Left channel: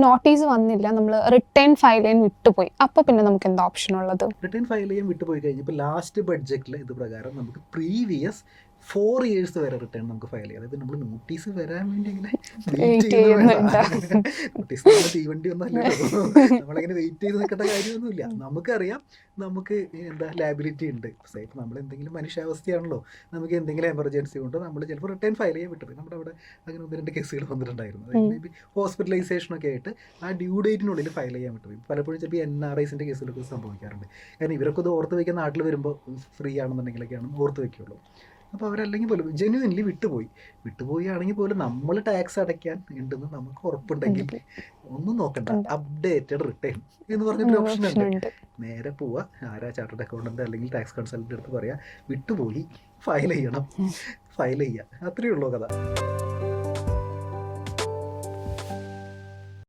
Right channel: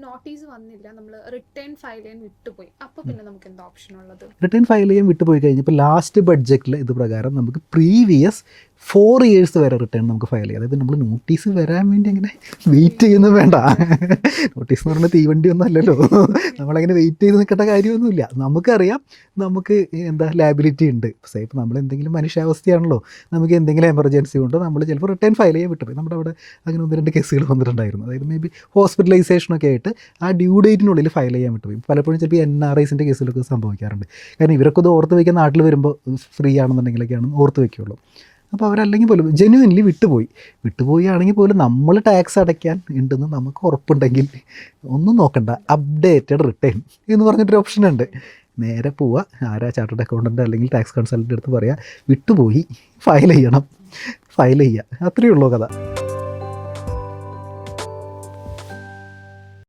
ഇപ്പോൾ നോട്ടീസ് വന്നില്ല, നമ്മൾ റിട്ടേൺ ഫയൽ ചെയ്യാൻ വിട്ടുപോയി, അപ്പോൾ പിന്നെ നമുക്ക് എന്താ ഓപ്ഷൻ ഉള്ളത്? റിട്ടേൺ ഫയൽ ചെയ്യാൻ വിട്ടുപോയി കഴിഞ്ഞപ്പോൾ ലാസ്റ്റ് ബഡ്ജറ്റിൽ ഇത് പ്രകാരം നമുക്ക് പ്രീവിയസ് 4 years വരെ റിട്ടേൺ നമുക്ക് ഫയൽ ചെയ്യാം. അതായത് നമ്മൾ നോട്ടീസ് വരാൻ വേണ്ടി അങ്ങനെ വെയിറ്റ് ചെയ്യുന്നത് വേണ്ട. നോട്ടീസ് നമ്മൾ തീവണ്ടി ഒന്നും അല്ലല്ലോ, നമ്മളങ്ങനെ വെയിറ്റ് ചെയ്ത് നിൽക്കേണ്ട കാര്യമൊന്നുമില്ല. നമുക്കറിയാം നമുക്ക് എന്താ ലാബിലിറ്റി ഉണ്ട്. ഇപ്പോൾ നമ്മൾ എന്തെങ്കിലും മനുഷ്യാവസ്ഥയാണല്ലോ, നമുക്ക് എന്തെങ്കിലും എമർജൻസി കൊണ്ട് നമ്മൾ ചിലപ്പോൾ റിട്ടേൺ ഫയൽ ചെയ്യാൻ വിട്ടുപോയി. നമ്മുടെ അവിടെ അങ്ങനെ 1-2 കേസുകൾ വന്നിട്ടുണ്ടായിരുന്നു. അതായത് മേ ബി ഹോസ്പിറ്റലൈസേഷനൊക്കെ ആയിട്ട് ആ ഡ്യൂ ഡേറ്റിനുള്ളിൽ ഫയൽ ചെയ്യാൻ വിട്ടുപോയി. പലപ്പോഴും ചിലപ്പോൾ NRIസിൻ്റെ കേസിലൊക്കെ സംഭവിക്കാറുണ്ട്. കാരണം ഇവരൊക്കെ ഇത് ഓർത്ത് വയ്ക്കുന്ന നാട്ടിൽ വരുമ്പോൾ ഫ്രീ ആണെന്നുണ്ടെങ്കിലൊക്കെയാണ് ഓർത്ത് വയ്ക്കുകയുള്ളൂ. അപ്പോൾ അവരല്ലെങ്കിൽ പോലും ജെന്യുവൻലി വിട്ടുപോയി ആണെങ്കിൽ പോലും നമ്മൾ ടാക്സ് അടയ്ക്കാൻ ഉണ്ടെന്ന് നമുക്ക് ഉറപ്പുണ്ടെങ്കിൽ ഒന്നും നോക്കണ്ട, അപ്ഡേറ്റഡ് റിട്ടേൺ എന്ന് പറഞ്ഞിട്ടൊരു ഓപ്ഷൻ ഉണ്ട്. നേരെ പോവുക, ആരാ ചാർട്ടേഡ് അക്കൗണ്ടൻ്റ് അല്ലെങ്കിൽ ടാക്സ് കൺസൾട്ടൻ്റ് അടുത്ത് പറയുക, വിട്ടുപോയി ഫയൽ ചെയ്യുക, അത്രയേ ഉള്ളൂ കഥ.